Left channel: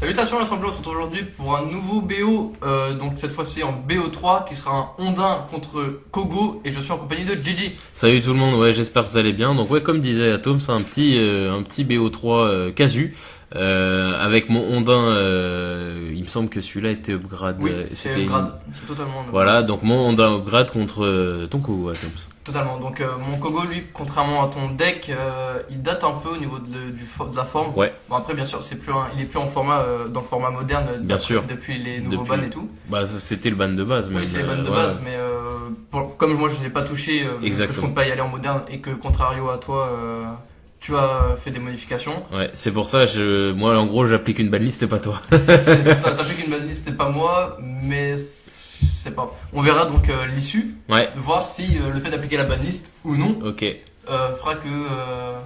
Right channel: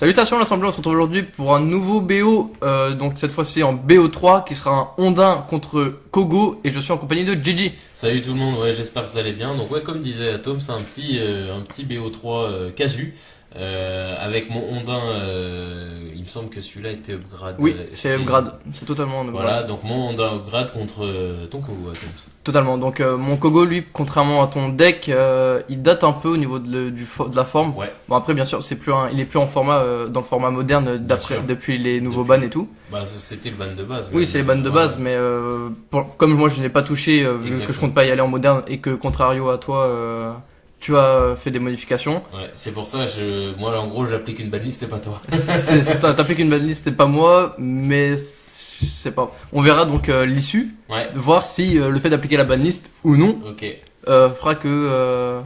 Salutations l'Assemblée, on se retrouve aujourd'hui pour un nouveau BO, donc cette fois-ci en BO3 qui sera un Ondin contre Kogo et je suis en compagnie de Gigi. Salut tout le monde, ouais, j'espère que vous allez bien. Donc ouais, comme disait Atom, c'est un petit BO3 casu. Avec mon Ondin, il me semble que celui-là était upgrade. Oui, c'est upgrade, c'est totalement upgrade. Voilà, donc mon Ondin upgrade contre ton Kogo, Atom. Totalement, donc mon Kogo lui, contrairement à ton deck, il date un peu au niveau de la forme. Ouais. Bon après bien sûr, il est plus en format, dans le format moderne depuis les nouveaux bans et tout. Bah c'était le ban de base. Oui, c'est les bans de base, mais comme moi je n'ai pas touché, vu que je compte pas y aller en moderne et que contrario à toi, tu as fait des modifications. Ouais, c'est pour ça, moi en gros j'applique une banlist et pas toi. T'appliques une banlist et pas moi, mais je sais pas. On verra donc l'issue, Ouais. voir si le fait d'appliquer la banlist ou non Ok. fera que...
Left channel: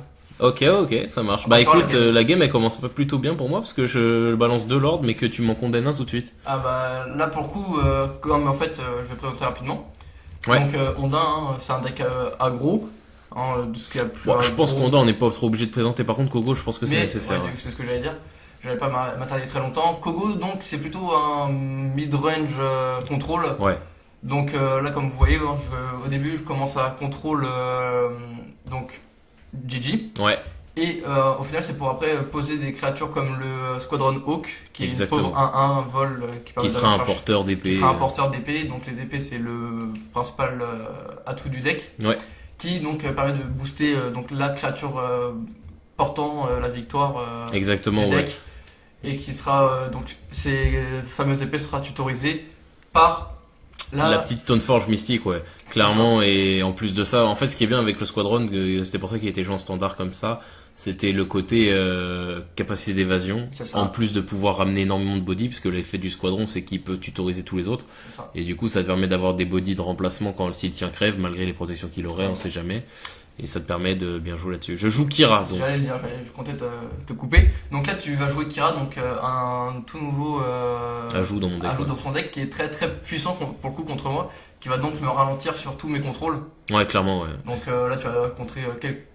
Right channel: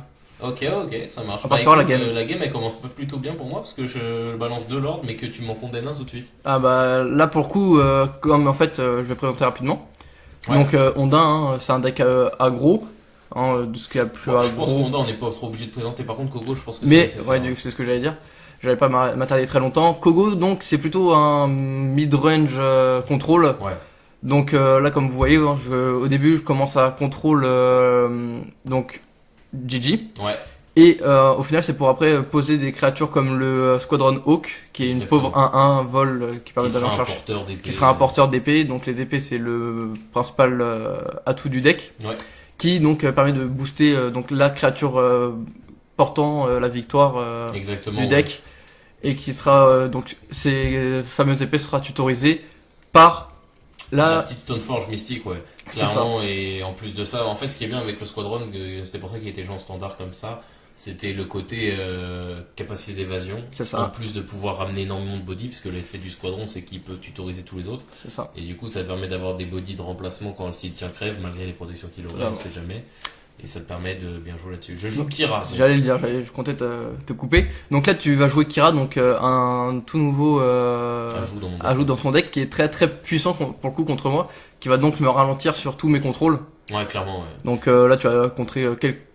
Ok, ça marche. On Bah partira écoute, la game elle commence pas plutôt bien pour moi parce que je balance 2 lords mais que tu m'en condamnes un tout de suite. Ah bah là pour le coup, comme en fait je vais présenter rapidement. Ouais. Donc Ondin, hein, c'est un deck aggro, hein, de ce qu'il y a plus Bon, je aggro. pense qu'on n'est pas trop obligé de présenter. Par contre, Kogo, je pense que Mais c'est ouais, ça. c'est ce que j'allais dire. J'allais pas m'attarder très longtemps. Kogo donc c'est plutôt un mid-range contrôle. Ouais. Donc là comme vous voyez, hein, au début je commence à contrôle donc Gigi. Ouais. Et au final, c'est pour après poser des créatures comme le Squadron Hawk, qui est Exactement. une pauvre 1-1 vol qui permet Qui d'aller sera en un charge. porteur d'épée. Qui sera un porteur d'épée. Donc les épées, c'est le principal atout du deck. Ouais. Qui donc permet de booster donc la créature portant la victoire Exactement. du deck. Et qui sera donc ces fameuses épées sera tutorisée par La petite Stoneforge mystique, ouais. C'est Clairement, et en plus de ça, en fait, ce qui est bien avec le Squadron, c'était pour ça qu'il était joué en standard comme ça, c'était le côté capacité d'évasion. C'est ça. En plus de pouvoir ramener énormément de body, puisque l'effet du Squadron, c'est qu'il peut tutoriser tous les autres. C'est ça. Et du coup, ça te permet d'avoir des body de remplacement quand s'il tient crève, malgré les protections qu'il aurait, on sait jamais. Et ça te permet de bien jouer là-dessus. Je joue Kira. donc. J'allais le dire, je comptais te couper. Donc là, tu vas jouer Kira, donc un tout nouveau ajout dans son deck qui est très très puissant pour le coup contre moi, qui va donc me ralentir sur tous mes contrôles. Ouais, clairement, ouais. Donc là, tu vas contrer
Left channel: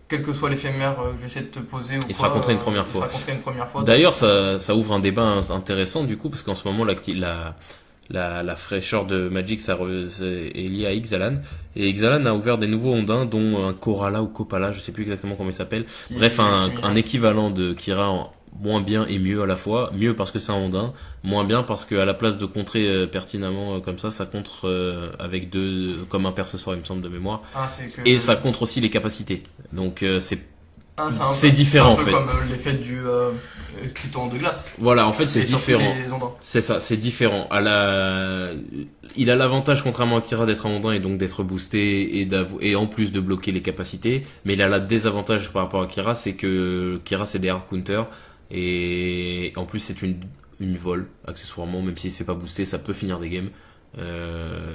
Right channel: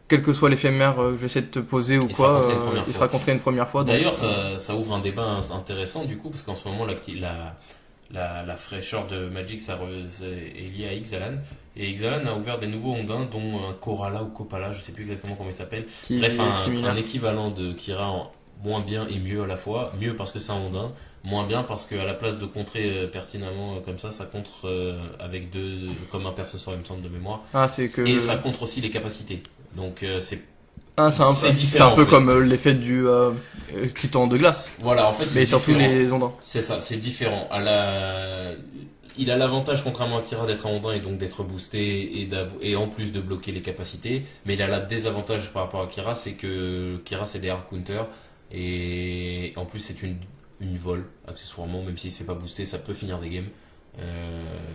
quel que soit l'éphémère que j'essaie de te poser ou Il quoi. sera contré une première il fois. sera contré une première fois. D'ailleurs, ça ouvre un débat intéressant du coup, parce qu'en ce moment, la fraîcheur de Magic est liée à Ixalan. Et Ixalan a ouvert des nouveaux Ondins, dont un Korala ou Kopala, je sais plus exactement comment il s'appelle. qui Bref, est similaire. un équivalent de Kira, moins bien et mieux à la fois. Mieux parce que c'est un Ondin, moins bien parce qu'à la place de contrer pertinemment comme ça contre avec deux, comme un perce sort, il me semble, de mémoire. Ah, c'est que... Et ça contre aussi les capacités. Donc c'est c'est différent, un peu en fait. comme l'effet du titan de glace. Voilà, en fait, c'est Et surtout différent. les ondins. C'est ça, c'est différent. Il a l'avantage, contrairement à Kira, d'être un Ondin et donc d'être boosté et en plus de bloquer les capacités. Mais il a le désavantage par rapport à Kira, c'est que Kira, c'est des hard counters. Et en plus, c'est une vol, accessoirement, même s'il ne se fait pas booster, ça peut finir des games.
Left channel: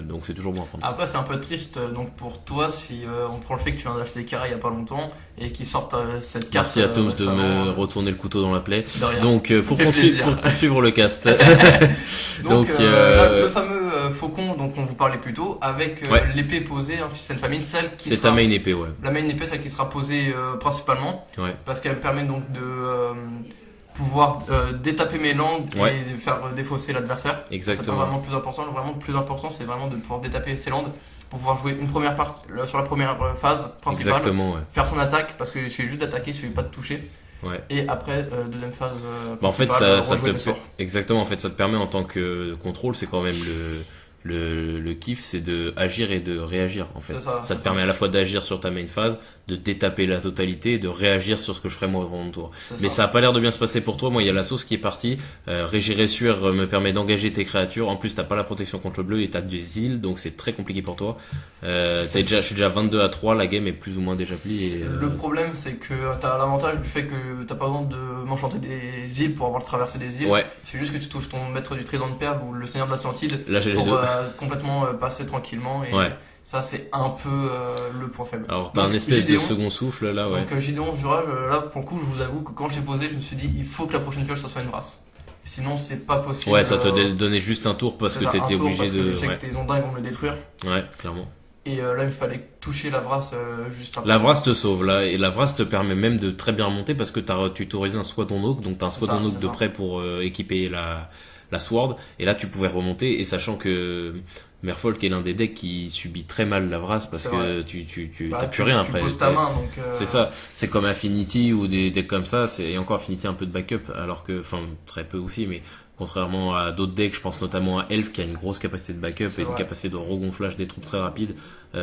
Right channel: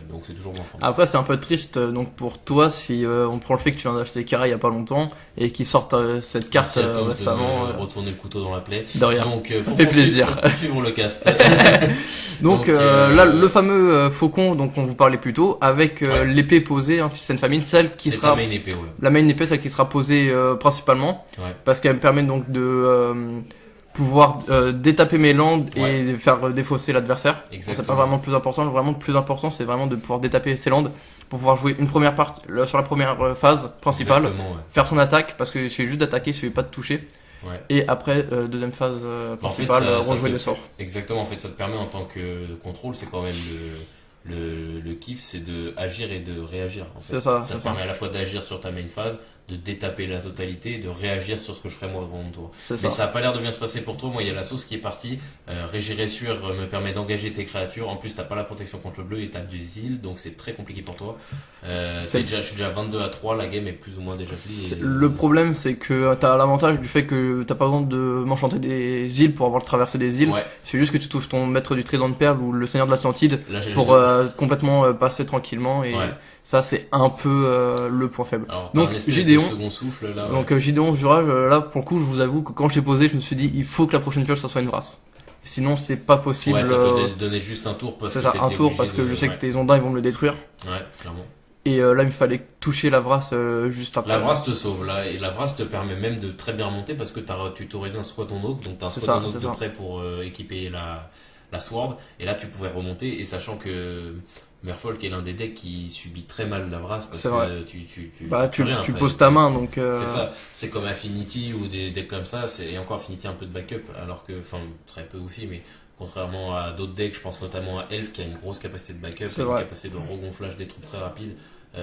Donc c'est toujours bon. Après, c'est un peu triste donc pour toi si on prend le fait que tu viens d'acheter Kira il y a pas longtemps et qu'ils sortent cette carte Merci à Tom de récemment. me retourner le couteau dans la plaie. De rien. Donc pour fait plaisir. suivre le cast. Donc là, le fameux faucon dont on vous parlait plus tôt, avec Ouais. l'épée posée, hein, Fist and Famine, celle qui C'est sera ta main épée, ouais. la main épée, celle qui sera posée principalement, Ouais. parce qu'elle me permet donc de pouvoir détaper mes landes et Ouais. faire défausser l'adversaire. Exactement. C'est pas vraiment le plus important. Vraiment, le plus important, c'est vraiment de pouvoir détaper ses landes pour pouvoir jouer une première partie sur la première phase principale, Exactement, ouais. faire son attaque, parce qu'il suffit juste d'attaquer, il suffit pas de toucher. Ouais. Et après, deuxième phase Bah, en fait, principale, ça rejouer te- le sort. Exactement, en fait, ça te permet en tant que contrôle, c'est quand même le kiff, c'est de agir et de réagir. En fait. C'est ça, Ça te c'est permet à la fois d'agir sur ta main phase, de détaper la totalité et de réagir sur ce que je ferais moi avant mon tour. C'est Mais ça. ça a pas l'air de bien se passer pour toi. Moi, il y a la sauce qui est partie. Régir me permet d'engager tes créatures. En plus, t'as pas la protection contre le bleu et t'as des îles, donc c'est très compliqué pour toi. Je suis déjà 22 à 3, la game est plus ou moins déjà pliée. Le problème, c'est que t'as l'avantage du fait que t'as pas besoin de m'enchanter des îles pour avoir traversé des îles. Ouais, C'est juste que tu touches ton maître du trident de perles ou le seigneur de l'Atlantide là j'ai pour les deux. complètement passer tranquillement et Ouais. ça c'est un peu le point faible. Alors, Donc, t'as un espèce Gideon. de second souffle là. Ouais. Donc Gideon Jura, là pour le coup je vous avoue que quand je l'ai posé je me suis dit il faut que la prochaine pioche ça soit une vrasse. Sinon c'est pas possible. Ouais, ça te donnait juste un tour parce c'est que ça, t'étais un tour obligé parce que de- je sais ouais. que tes ondins ils vont me le détruire. Ouais, clairement. Et là, il me fallait toucher la Vrasse juste après. La Vrasse te sauve là, et la Vrasse te permet même de très bien remonter parce que tu t'autorises un squat on oak, donc tu as un squat on oak de près pour équiper la Sword, et là tu pouvais remonter, et sachant que Merfolk est l'un des decks qui subit très mal la Vrasse parce que tu poses ta main, donc c'est ça, c'est comme Affinity ou des decks comme ça, et encore Affinity un peu de backup, alors que, enfin très peu aussi, mais contrairement à d'autres decks, je pense notamment à Elf qui a une grosse capacité de backup et une capacité de regonflage des troupes très rapide.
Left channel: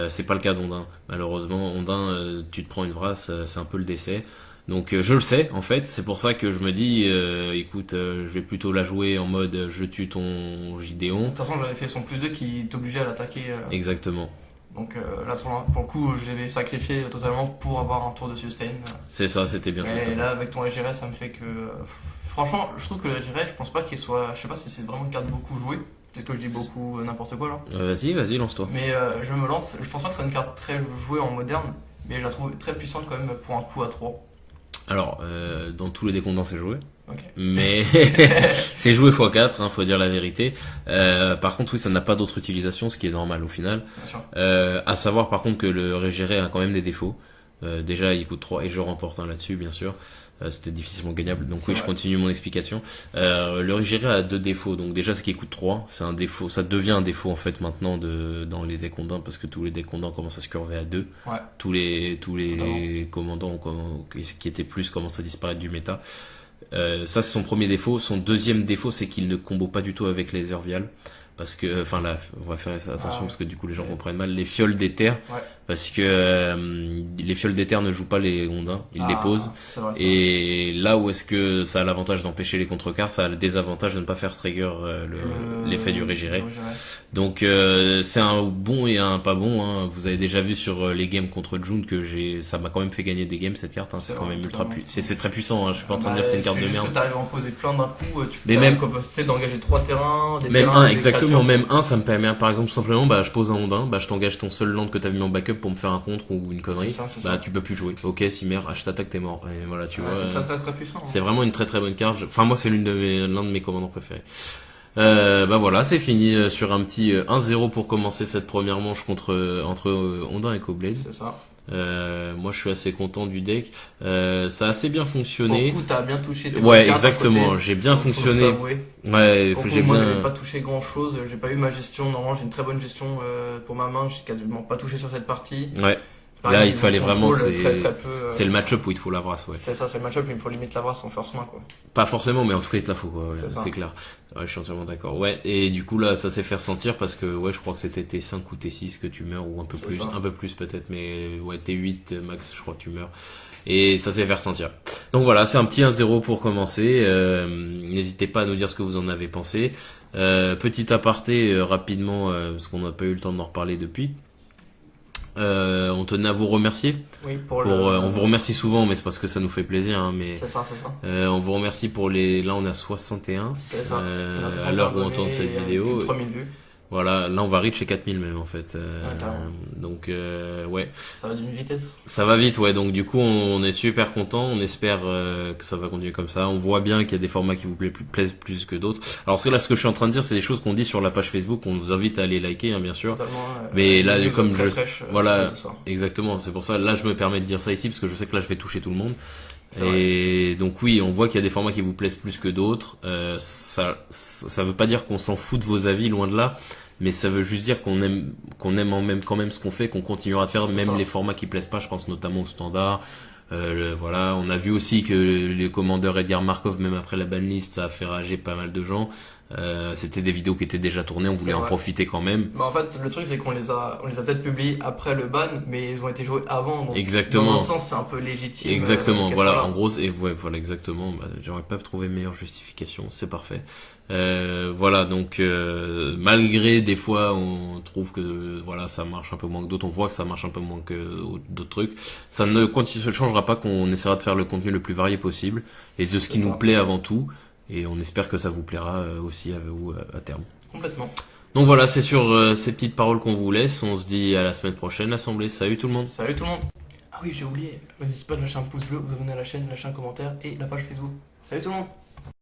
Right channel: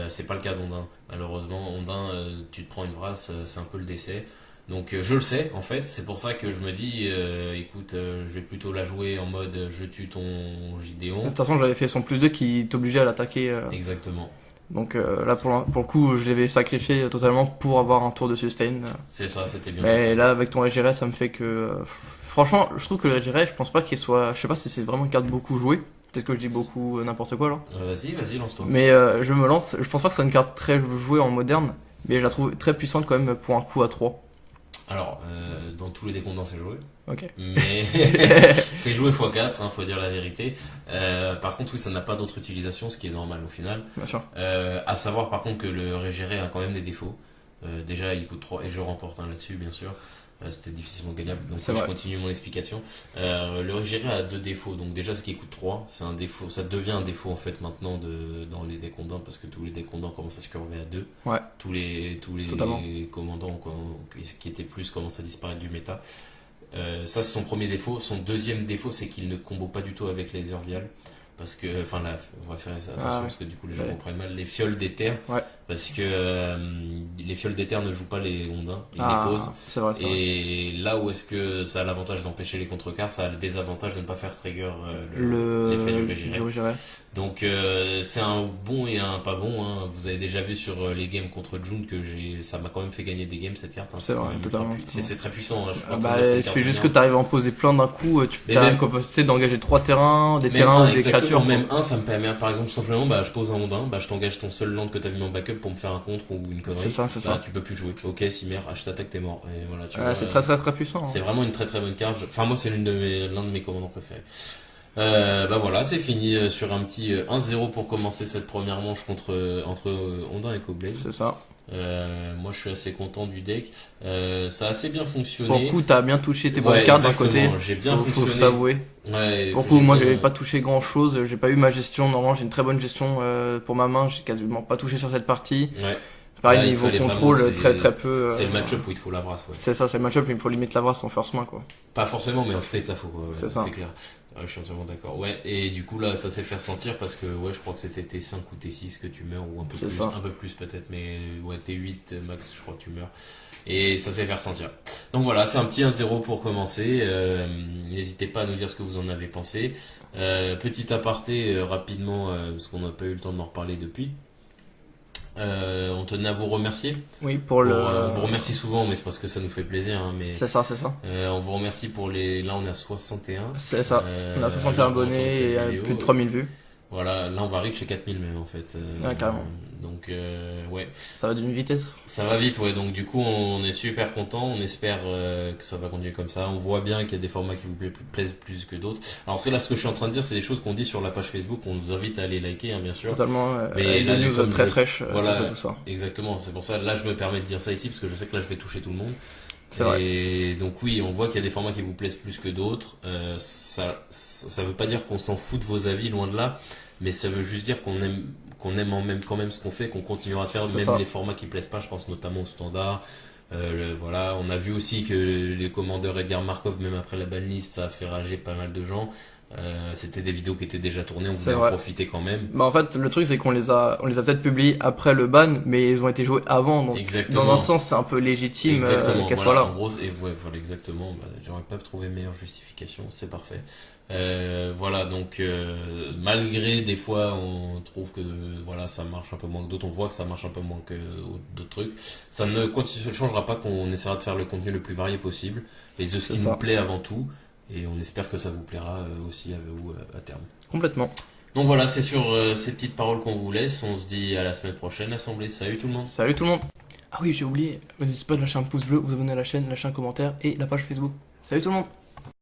C'est pas le cas d'Ondin. Malheureusement, Ondin, tu te prends une Vrasse, c'est un peu le décès. Donc je le sais en fait, c'est pour ça que je me dis, écoute, je vais plutôt la jouer en mode je tue ton Gideon. De toute façon, j'avais fait son +2 qui t'obligeait à l'attaquer. Exactement. Donc là, pour le coup, je l'avais sacrifié totalement pour avoir un tour de sustain. C'est ça, c'était bien. Mais là, avec ton Regiret, ça me fait que... Franchement, je trouve que le Regiret, je pense pas qu'il soit... Je sais pas si c'est vraiment une carte beaucoup jouée. Peut-être que je dis beaucoup n'importe quoi là. Vas-y, lance-toi. Mais je me lance. Je pense pas que c'est une carte très jouée en moderne. Mais je la trouve très puissante quand même pour un coup à 3. Alors, dans tous les décomptes, c'est joué. Ok. Mais c'est joué x4, faut dire la vérité. Par contre, oui, ça n'a pas d'autre utilisation, ce qui est normal au final. Bien sûr. À savoir par contre que le Régéré a quand même des défauts. Déjà, il coûte 3 et je remporte un là-dessus, bien sûr. C'était difficilement gagnable, donc je continue mon explication. Le Régéré a 2 défauts. Donc déjà, ce qui coûte 3, c'est un défaut. Ça devient un défaut en fait maintenant dans les decks Ondin, parce que tous les decks Ondin commencent à se curver à 2. Ouais. Tous les commandants qui étaient plus commencent à disparaître du méta. Ça, c'est son premier défaut. Son deuxième défaut, c'est qu'il ne combo pas du tout avec les Urvial. Parce que, enfin là, on va faire attention parce que du coup les gens comprennent mal les fioles d'éther. Ouais. Parce que les fioles d'éther ne jouent pas les Ondins, ils les posent. C'est vrai, et là où est-ce que ça a l'avantage d'empêcher les contrecarts, ça a le désavantage de ne pas faire trigger l'effet du Régéré. Donc c'est un bon et un pas bon. Vous avez déjà vu sur les games contre June que ça m'a quand même fait gagner des games cette carte. C'est vrai, c'est très puissant. Je pense c'est juste que tu arrives à en poser plein d'un coup. Tu as la capacité d'engager 3 terrains, des terrains, des créatures. Même un, ça me permet par exemple simplement, je pose un Ondin, je t'engage ton seul land que t'as mis en backup pour me faire un contre ou une connerie. C'est ça. Tu peux plus jouer. Ok, Cimer, je t'attaque, t'es mort. Et voilà, c'est très très très puissant. C'est vraiment une très très bonne carte. Enfin, moi, c'est l'un de mes commandants préférés. Voilà, c'est fini sur un petit 1-0 pour commencer cette première manche entre Ondin et Koblaze. C'est ça. Moi je suis assez content du deck. Ça a assez bien fonctionné. Pour le coup, t'as bien touché tes bonnes cartes d'un côté. J'ai bien fonctionné. Faut s'avouer. Ouais, pour le coup, moi j'avais pas touché grand chose. J'ai pas eu ma gestion. Normalement, j'ai une très bonne gestion pour ma main. J'ai quasiment pas touché sur cette partie. Ouais. Pareil, niveau contrôle, très très peu. C'est le match-up où il te faut la Vrasse. Ouais. C'est ça, c'est le match-up, mais il faut limite la Vrasse en first main quoi. Pas forcément, mais en tout cas, il te la faut. C'est ça. C'est clair. Ouais, je suis entièrement d'accord. Ouais, et du coup là, ça s'est fait ressentir parce que je crois que c'était T5 ou T6 que tu meurs, ou un peu plus peut-être, mais ouais, T8 max, je crois que tu meurs. Et ça s'est fait ressentir. Donc voilà, c'est un petit 1-0 pour commencer. N'hésitez pas à nous dire ce que vous en avez pensé. Petit aparté rapidement, parce qu'on n'a pas eu le temps d'en reparler depuis. On tenait à vous remercier. Oui, on vous remercie souvent, mais c'est parce que ça nous fait plaisir. Mais c'est ça. on vous remercie pour Là, on a 61. C'est ça. On a 61 abonnés et plus de 3000 vues. Voilà, là on va reach les 4000 même en fait. Carrément. Donc ouais. Ça va d'une vitesse. Ça va vite, ouais. Donc du coup on est super content. On espère que ça va continuer comme ça. On voit bien qu'il y a des formats qui vous plaisent plus que d'autres. Alors ce que je suis en train de dire, c'est des choses qu'on dit sur la page Facebook. On vous invite à aller liker, bien sûr. Totalement. Mais là, news très fraîche. Voilà, tout ça. Exactement. C'est pour ça. Là, je me permets de dire ça ici parce que je sais que là, je vais toucher tout le monde. C'est vrai. Et donc oui, on voit qu'il y a des formats qui vous plaisent plus que d'autres. Ça veut pas dire qu'on s'en fout de vos avis, loin de là. Mais ça veut juste dire qu'on aime quand même ce qu'on fait, qu'on continuera à faire les formats qui plaisent pas. Je pense notamment au standard. Voilà, on a vu aussi que les commandeurs Edgar Markov, même après la banlist, ça a fait rager pas mal de gens. C'était des vidéos qui étaient déjà tournées, on voulait en profiter quand même. En fait, le truc c'est qu'on les a peut-être publiés après le ban, mais ils ont été joués avant. Donc exactement. Dans un sens, c'est un peu légitime. Exactement. Voilà, en gros, voilà, exactement. J'aurais pas trouvé meilleure justification. C'est parfait. Voilà, donc malgré des fois on trouve que ça marche un peu moins que d'autres, on voit que ça marche un peu moins que d'autres trucs, ça ne changera pas qu'on essaiera de faire le contenu le plus varié possible et de ce qui nous plaît avant tout, et on espère que ça vous plaira aussi à vous à terme. Complètement. Donc voilà, c'est sur ces petites paroles qu'on vous laisse. On se dit à la semaine prochaine, l'Assemblée. Salut tout le monde. Salut tout le monde. Ah oui, j'ai oublié, n'hésitez pas de lâcher un pouce bleu, vous abonner à la chaîne, lâcher un commentaire et la page Facebook. Salut tout le monde.